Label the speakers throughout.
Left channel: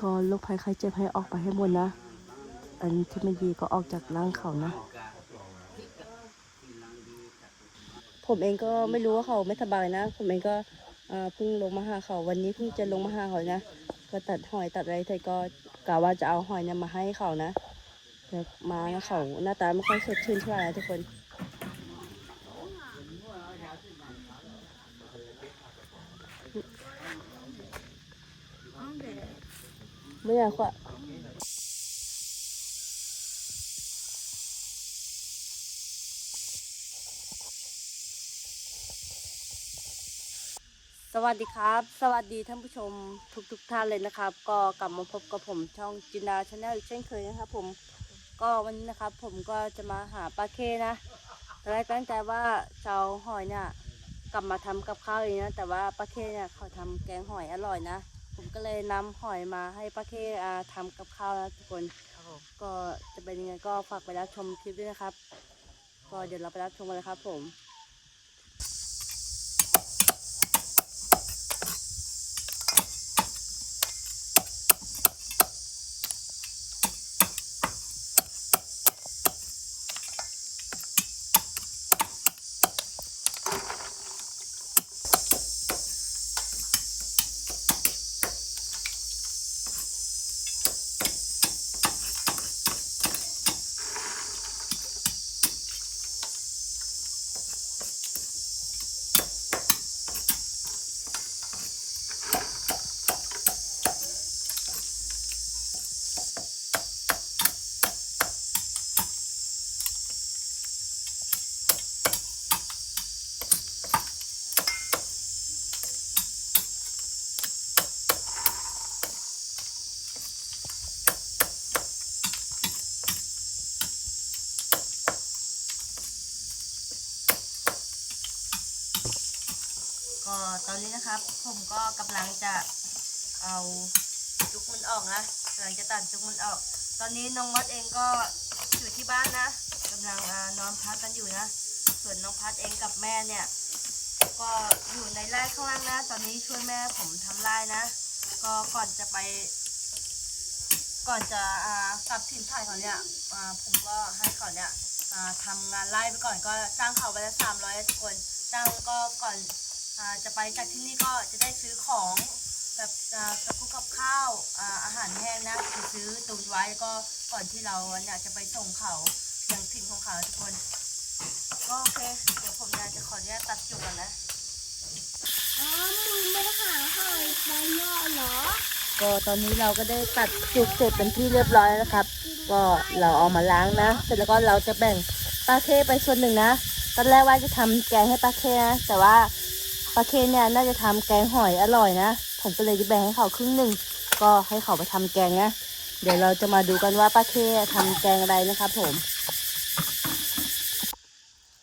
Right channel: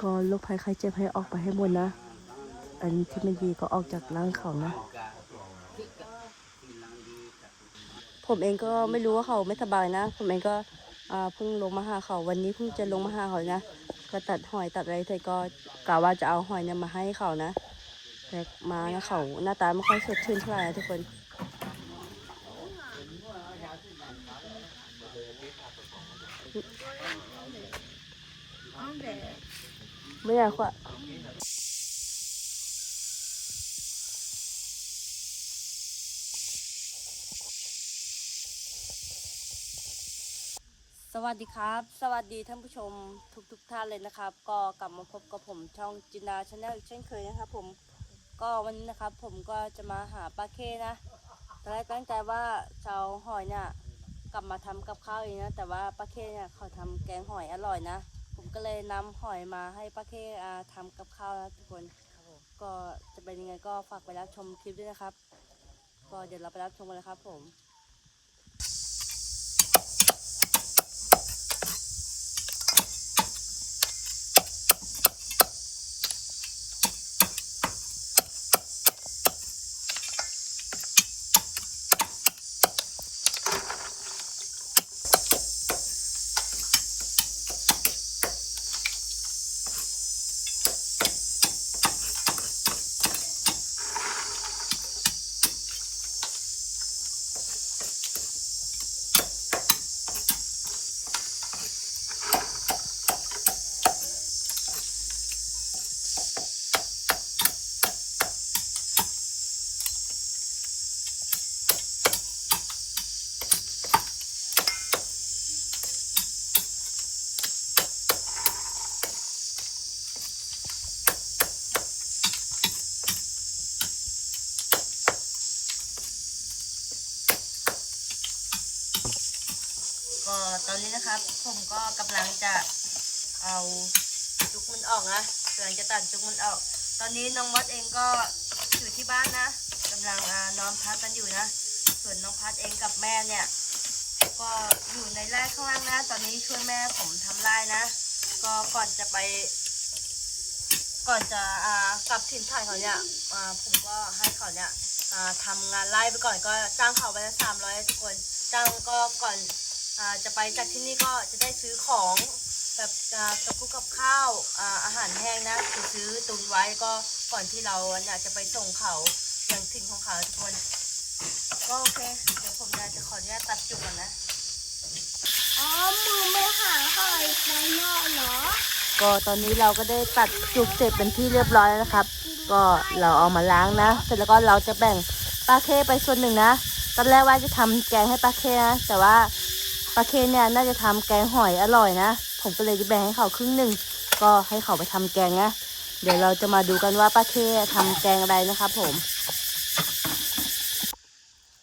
Speaker 1: ก็โรคภัยไข้เจ็บให้ออกไปให้หมดนะ อันที่ไม่ดีก็ออกจากร่างเขานะ ผมเองก็ไม่รู้ว่าเขาไม่สบายนะ ผมเองก็เพิ่งลงมาหาเขาวันนี้เพิ่งจะลงมาหาเขานะ ก็ตัดหอยตัดอะไรแต่ก็กะว่าจะเอาหอยเนี่ยมาให้เขานะแต่มาเขาหน้าตาไม่ค่อยสดชื่นเท่าไหร่ทุกคน ไม่อยากว่าสวัสดีครับ สวัสดีท่านผู้ชมทุกๆทท่านเลยนะครับ ก็กลับมาพบกับผมช่องจินดาชาแนลอีกเช่นเคยนะครับผมก็วันนี้นะครับ ผมก็จะมาหาปลาเคนะตอนแรกตั้งใจว่าจะเอาหอยเนี่ยกลับมาทำกับข้าวเองนะแต่ว่าปลาเคเนี่ยเขาทำแกงหอยอร่อยนะ ก็เลยนำหอยมาให้ปลาเคอ่าทำกับข้าวนะทุกคนก็จะเป็นยังไงก็ฝากไปรับชมคลิปด้วยนะครับ ก็เดี๋ยวเราไปรับชมกันเลยครับผม ก็ ตอนนี้นะครับ ผมก็กำลังจะเอาจุกมันออกนะกำลังจะตัดจุกมันออก ตอนนี้น้องมดเองก็อยู่ที่บ้านนะกำลังอนอนพักกันอยู่นะ ส่วนน้องพัดเองกับแม่เนี่ย ก็อยู่ในไร่ข้างล่างนะ ตอนนี้ช่วยแม่ผมทำไร่นะ ก็ก่อนจะไป ก่อนจะกลับถิ่นฐานเขาเนี่ยผมก็ให้เขาเนี่ยทำงานไร่ไปก่อนก็จ้างเขาไปละสามร้อยทุกคนจ้างก็ก่อน จะไปจากที่นี่ก็จะได้ซื้อของแบบอ่ากับกุ๊กกับข้าวอ่าอาหารแห้งนะจะซื้อตุนไว้ก็ก่อนที่เราเนี่ยจะไปส่งเขาอย่างถิ่นของเขาทุกคนก็โอเคเดี๋ยวผมเนี่ยจะขออนุญาตตัดจุกก่อนนะ
Speaker 2: อ๋อมือไม่หาหอยข้างนอกเหรอ
Speaker 1: ก็ตอนนี้เราก็ได้ตัดจุกเสร็จเป็นที่เรียบร้อยแล้วนะครับ ก็เราเอามาล้างนะ เสร็จแล้วก็เราจะแบ่งปลาเคไปส่วนหนึ่งนะตอนแรกว่าจะทำแกงให้ปลาเคนะแต่ว่า ปลาเคเนี่ยน่าจะทำแกงหอยอร่อยนะ ผมก็เลยจะแบ่งให้เขาครึ่งหนึ่ง ก็ให้เขาไปทำแกงนะ เดี๋ยวเราจะมาดูกันว่าปลาเคทำแกงอะไรนะครับผม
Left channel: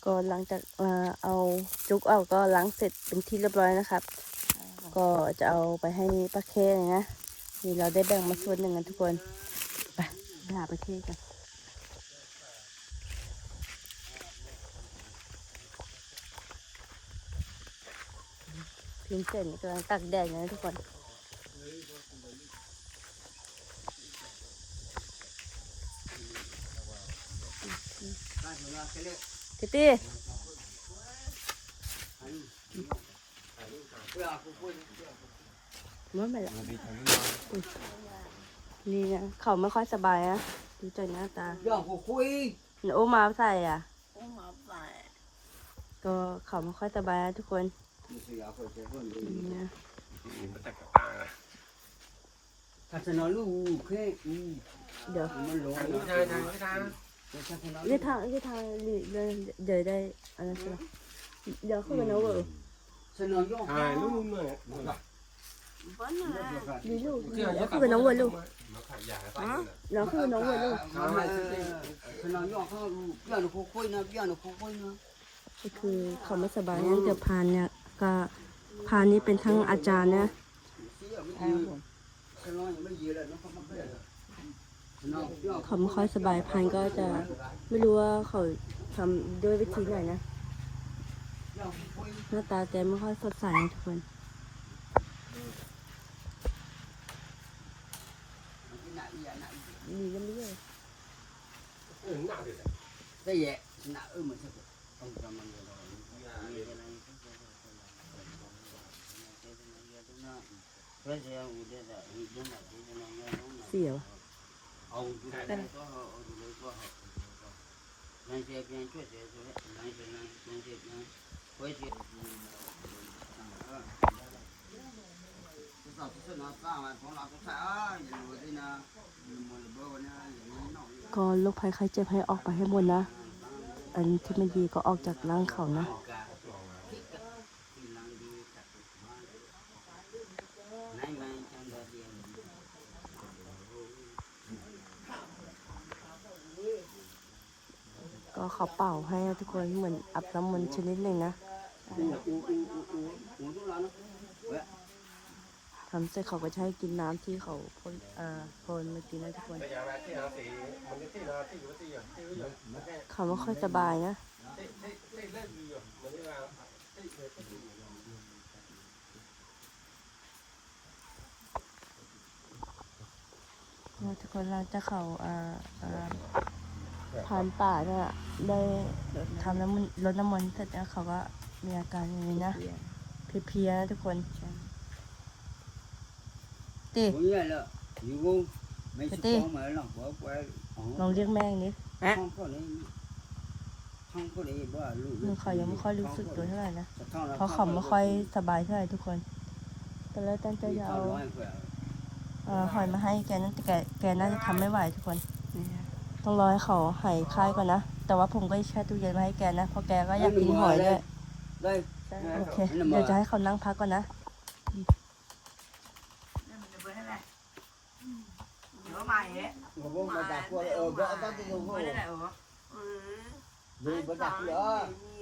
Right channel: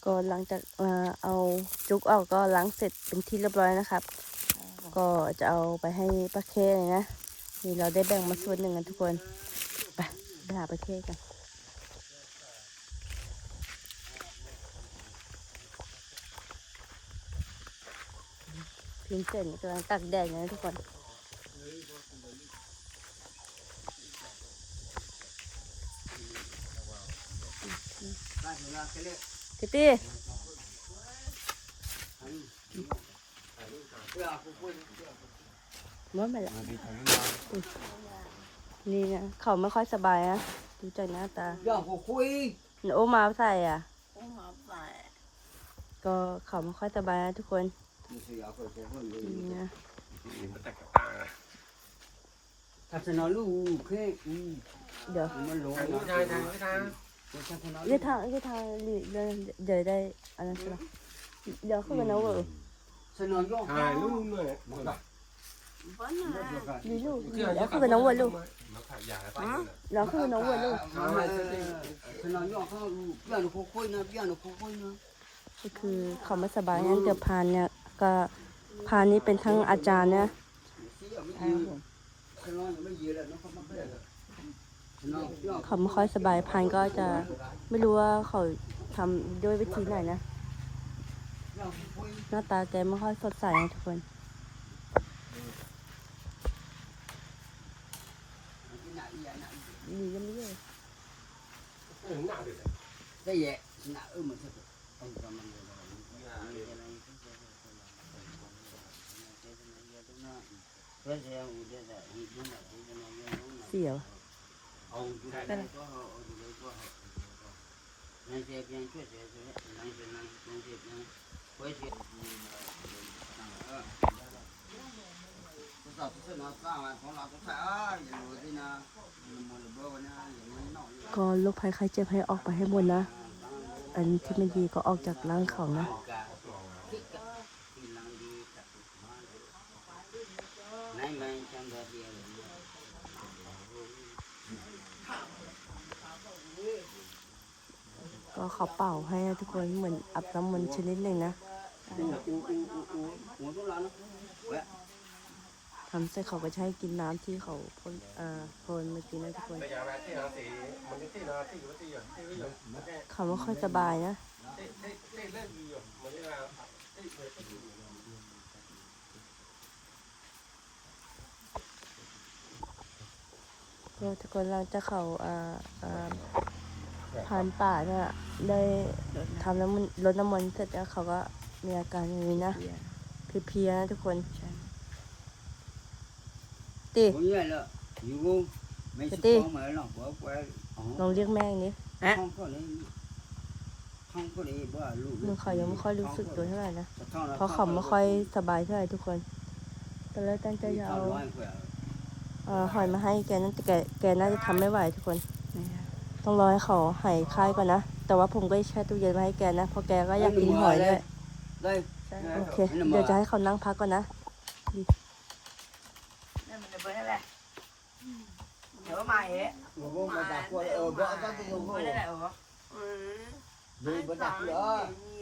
Speaker 1: ก็หลังจากเอาจุกออกก็ล้างเสร็จเป็นที่เรียบร้อยนะครับ ก็จะเอาไปให้ป้าเคเลยนะ นี่เราได้แบ่งมาส่วนหนึ่งกันทุกคน ไปหาป้าเคกัน พิมพ์เสร็จกำลังตักแดดอยู่นะทุกคนทิตี้มันไปละอุ๊ยนี่นะเขาไม่ค่อยสบายอะดูจากหน้าตา
Speaker 3: อย่าผมคุย
Speaker 1: หนูเอามาใส่อะ
Speaker 2: โอ้หมาป่า
Speaker 1: ก็เขาไม่ค่อยสบายนะทุกคน นี่นะ
Speaker 3: พัฒนาลูกแค่อืม
Speaker 1: เดี๋ยว
Speaker 3: มันหลง
Speaker 1: เรียกทางเรียกทางเดี๋ยวเดี๋ยวได้อะไรใช่ไหมเดี๋ยวขึ้นมาแล้วเวอร์
Speaker 3: สนองย่อหายลูก
Speaker 1: ดีลูกเดี๋ยวขึ้นมาน้องเวอร์ลูกเดี๋ยวขึ้นมาน้องเวอร์ลูก
Speaker 3: สนองย่อเขาอย่าหนูคุยนอะอย่าหนูคุยนะ
Speaker 1: ก็คือเขาไม่สบายงั้นเดี๋ยวพานเนี่ย ก็พานนี้เป็นทั้งอาจารย์นะ
Speaker 3: สนองยังไม่เยอะเลยนะเขาไม่เป็นสนองย่อ
Speaker 1: เขาไม่ค่อยสบายพานก็จะไม่รู้ว่าเขาทำด้วยวิธีไหนนะ หน้าตาแกไม่ค่อยสดใสนะทุกคนมีกันเรื่อย
Speaker 3: đây vậy nạ ư mà thế không cho mình rồi Mì Gõ Để không bỏ lỡ những video hấp dẫn
Speaker 1: ก็โรคภัยไข้เจ็บให้ออกไปให้หมดนะ อันที่ไม่ดีก็ออกจากร่างเขานะ ก็เขาเป่าให้ทุกคนเหมือนอาบน้ำมนต์ชนิดหนึ่งนะทำเสร็จเขาก็ให้กินน้ำที่เขาพ่นเอ่อพ่นเมื่อกี้นะทุกคนเขาไม่ค่อยสบายนะทุกคนหลังจากเขาเอ่อเอ่อ ผ่านป่าเนี่ยได้ทำน้ำมันลดน้ำมันต์เสร็จแล้วเขาก็มีอาการอย่างนี้นะเพลียๆนะทุกคนติ
Speaker 3: Ủa như vậy là Dù vô Mấy
Speaker 1: Thế
Speaker 3: chú
Speaker 1: đi.
Speaker 3: con mà nó bỏ qua
Speaker 1: ลองเรียกแม่อย่างนี้
Speaker 3: Không có để Không có để bỏ lúc
Speaker 1: มันเขายังไม่ค่อยรู้สึกตัวเท่าไหร่นะ
Speaker 3: Sao thằng nó
Speaker 1: เพราะเขาไม่ค่อยสบายเท่าไหร่ทุกคนตอนแรกตั้งใจจะเอา
Speaker 3: Thằng nói khỏe
Speaker 1: เอ่อหอยมาให้แกนั่นแต่แกแกน่าจะทำไม่ไหวทุกคน ต้องรอให้เขาหายคลายก่อนนะ แต่ว่าผมก็แช่ตู้เย็นมาให้แกนะเพราะแกก็อยากกินหอยด้วย
Speaker 3: Đây
Speaker 1: โอเค เดี๋ยวจะให้เขานั่งพักก่อนนะ
Speaker 2: นั่นมันจะเบิ้ลนั่นแหละเดี๋ยวมาเอ๊ะมาเดี๋ยวมาเบิ้ลนั่นแหละเหรออืมไอ้สาวนี่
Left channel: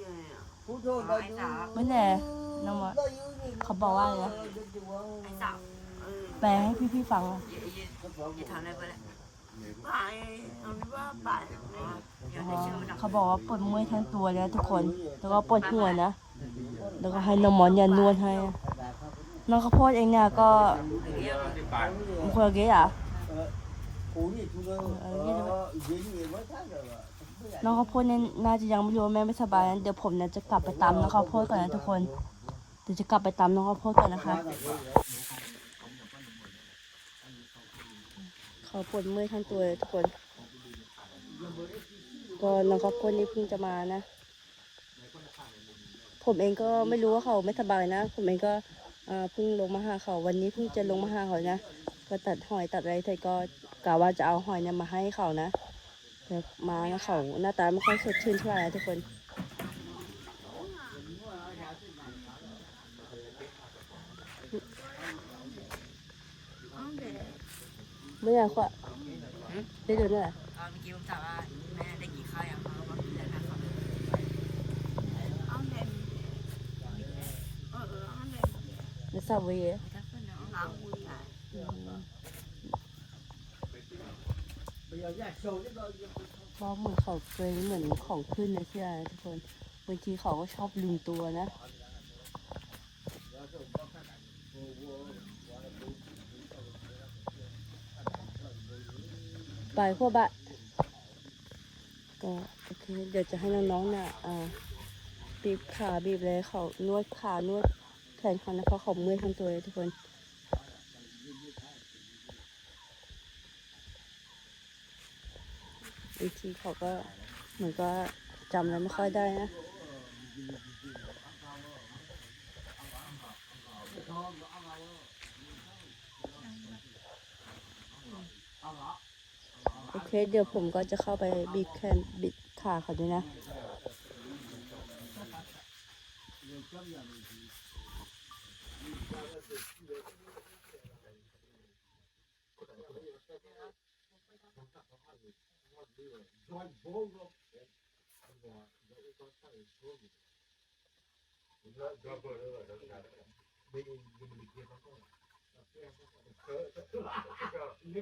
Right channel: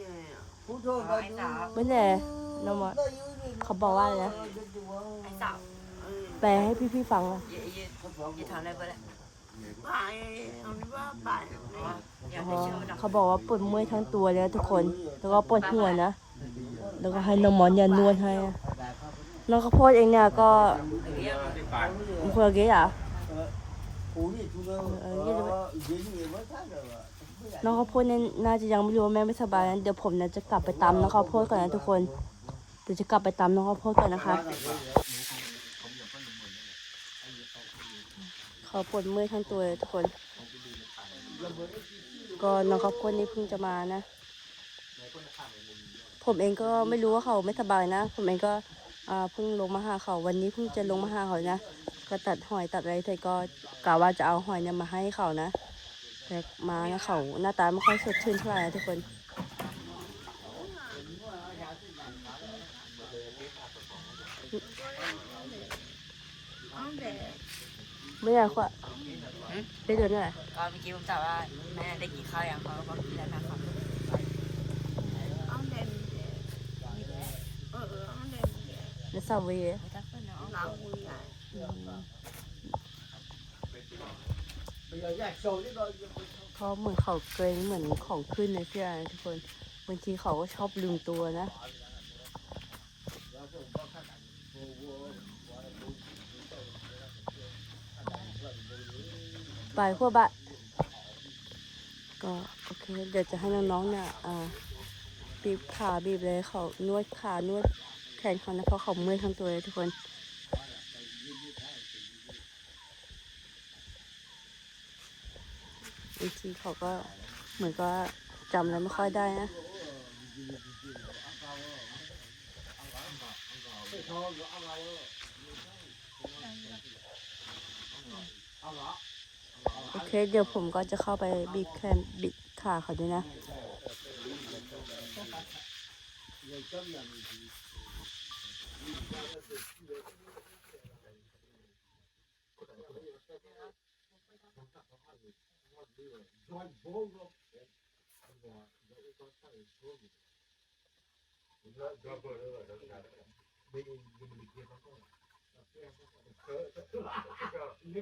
Speaker 2: ไงอะ
Speaker 3: Phút thôi
Speaker 2: ไอ้สาว
Speaker 1: ไม่แน่น้องมดเขาบอกว่าอะไรนะ
Speaker 2: ไอ้สาวอืม
Speaker 1: แปลให้พี่ๆฟังอะ
Speaker 2: เขา
Speaker 1: บอกว่าปวดเมื่อยทั้งตัวแล้วทุกคน แล้วก็ปวดหัวนะ แล้วก็ให้น้องมอนยานวดให้ น้องข้าวโพดเองเนี่ยก็มันคนละเกี้อะน้องข้าวโพดเนี่ยน่าจะยังไม่รู้ว่าแม่ไม่สบายนะเดี๋ยวผมเนี่ยจะกลับไปตามน้องข้าวโพดก่อนนะทุกคน เดี๋ยวจะกลับไปตามน้องข้าวโพดก่อนนะคะ เขาปวดเมื่อยทั้งตัวเลยทุกคน ก็น้องข้าวโพดนี่เพิ่งจะมานะ ผมเองก็ไม่รู้ว่าเขาไม่สบายนะ ผมเองก็เพิ่งลงมาหาเขาวันนี้เพิ่งจะลงมาหาเขานะ ก็ตัดหอยตัดอะไรเสร็ก็กะว่าจะเอาหอยเนี่ยมาให้เขานะแต่มาแล้วเขาหน้าตาไม่ค่อยสดชื่นเท่าไหร่นะทุกคน
Speaker 2: เอาเด็ก
Speaker 1: ไม่อยากว่าได้เดินหน่อย
Speaker 2: ก็เมื่อกี้ผมถามว่าแม่ได้กินข้าวยังเขาก็บอกกินแล้วนะครับเอาเด็กเออเออเอาเด็ก
Speaker 1: แล้วซาเวย์
Speaker 2: ถ้าเพื่อนเอาล้างมือไง
Speaker 1: เพราะเหมือนเขาเคยเหมือนของขึ้นนะเชื่อนะทุกคนบางทีเขาก็ชอบลืมตัวนะ ไปขั้วบะก็โอเค เดี๋ยวจะให้น้องๆเนี่ยอ่าบีบขาบีบเลยเขานวดขานวดแขนเขานะเพราะเขาเมื่อยทั้งตัวเลยทุกคนบางทีเขาก็เหมือนก็จำอะไรไม่ค่อยได้นะโอเคเดี๋ยวผมก็จะเข้าไปบีบแขนบิดขาเขาด้วยนะ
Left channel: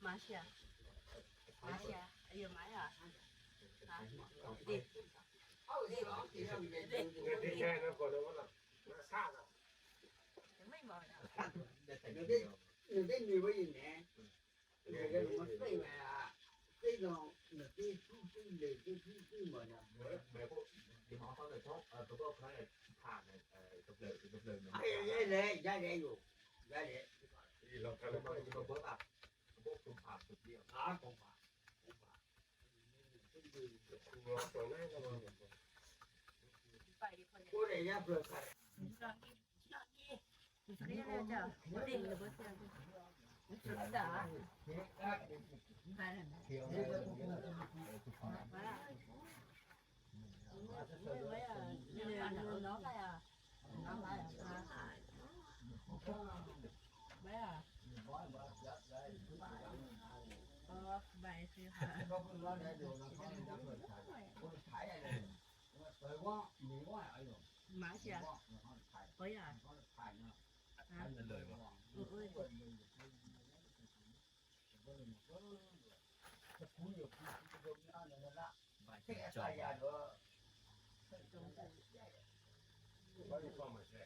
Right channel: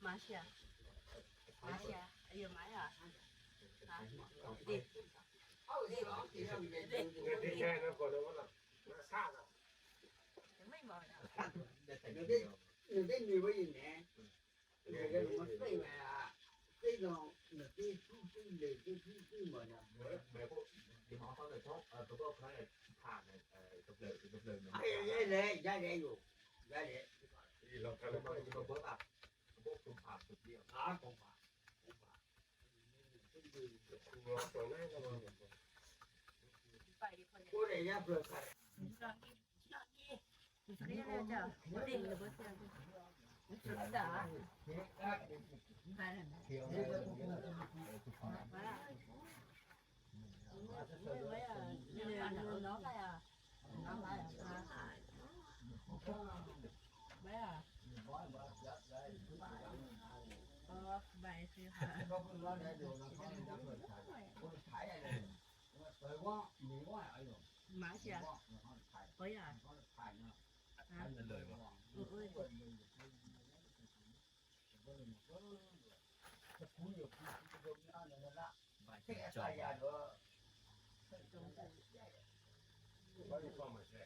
Speaker 4: 麻线，麻线，哎呦麻呀！啊，对，
Speaker 2: 他为什么这样？因为因为太那个了嘛，
Speaker 3: 那啥了？没
Speaker 2: 嘛？你你你你没听见？那个什么
Speaker 3: 谁来啊？谁讲？那
Speaker 4: 谁？每个部部门啊，每每个你好好的说，呃，
Speaker 3: 不过可能怕呢，呃，都不都不能。哎，也也也也有，也也。你老看了吗？你们不怕，不不怕不怕。啊，不怕，不怕。我本来
Speaker 4: 就不怕。我
Speaker 3: 这也不怕。你说
Speaker 2: 你，你说你，你这个样子，
Speaker 4: 我这
Speaker 3: 个不行。 ยู่คุณจะโดนอ
Speaker 2: ဘာလို့ပါမလဲ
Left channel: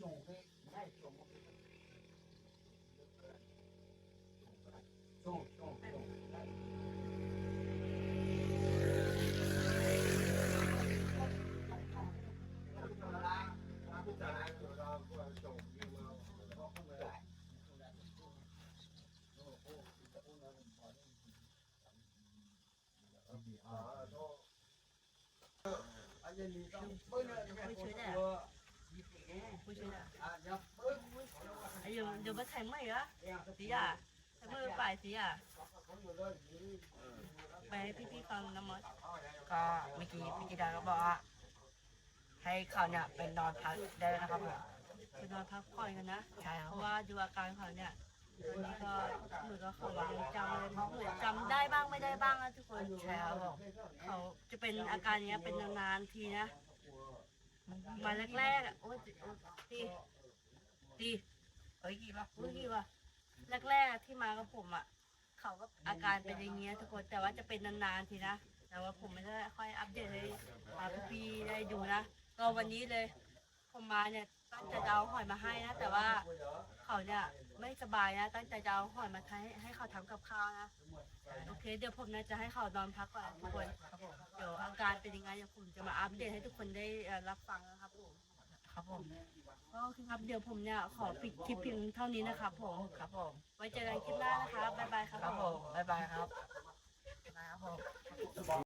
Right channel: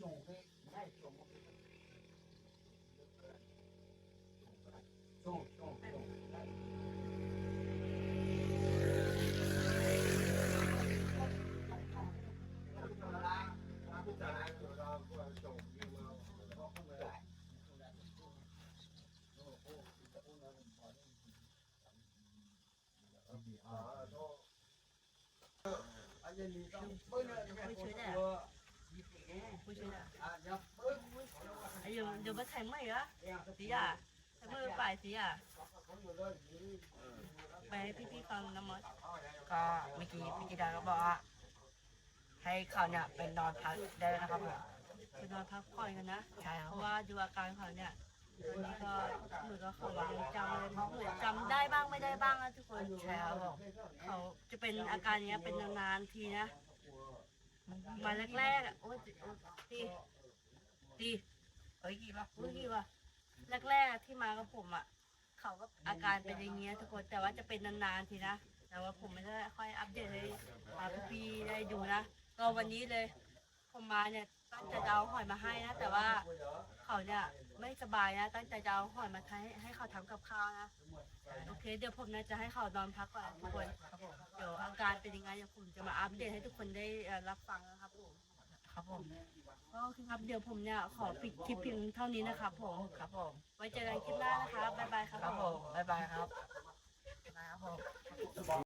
Speaker 3: chồng cái này chồng ไอ้เดี๋ยวเดี๋ยวมาแข่ไมเห
Speaker 2: รสี
Speaker 3: อะแต่มื่อปสีอะ
Speaker 4: ไปให้พี่ๆฟังนะมดก็เมื่อกี้พี่กีดาก็บอกว่าให้เขาเนี่ยเป็นนอนพักได้แล้วนะครับผมไปนอนพักผ่อนกันนะ ใช่ครัเพราะว่าดูอาการเขาเนี่ย ตอนนี้ก็เหมือนกับเขายังจำเลยเหมือนจำได้บ้างไม่ได้บ้างนะทุกคนใช่ครับเขาจะเป็นอาการเนี้ยเป็นนานๆทีนะมาแรกๆอะโอ้ยตีตีเอ้ยกี่ป่ะเอ้ยกี่ป่ะแรกๆที่มากับผมอะเขาก็อาการเป็นอย่างเงี้ยทุกคนแต่ว่าจะเป็นนานๆทีนะแต่ว่าผมไม่ได้ค่อยอัปเดตให้อ่าพี่ๆได้ดูนะก็วันนี้เลย ผมมาเนี่ยตั้งใจจะเอาหอยมาให้นะ แต่ว่าเขาเนี่ยไม่สบายนะ ตั้งใจจะเอาหอยมาให้ให้เขาทำกับข้าวนะ โอเค เดี๋ยวผมนะจะให้เขานอนพักก่อนทุกคน เดี๋ยวอาการเป็นยังไงเดี๋ยวผมจะมาอัปเดตให้ทุกคนได้เอ่อรับฟังนะครับผม ครับผมก็คือครับเดี๋ยวผมเนี่ยขอปิดคลิปเพียงเท่านี้นะครับผม ครับผม ไว้เจอกันคลิปหน้านะครับบ๊ายบายครับผมบ๊ายบายครับบ๊ายบายครับผม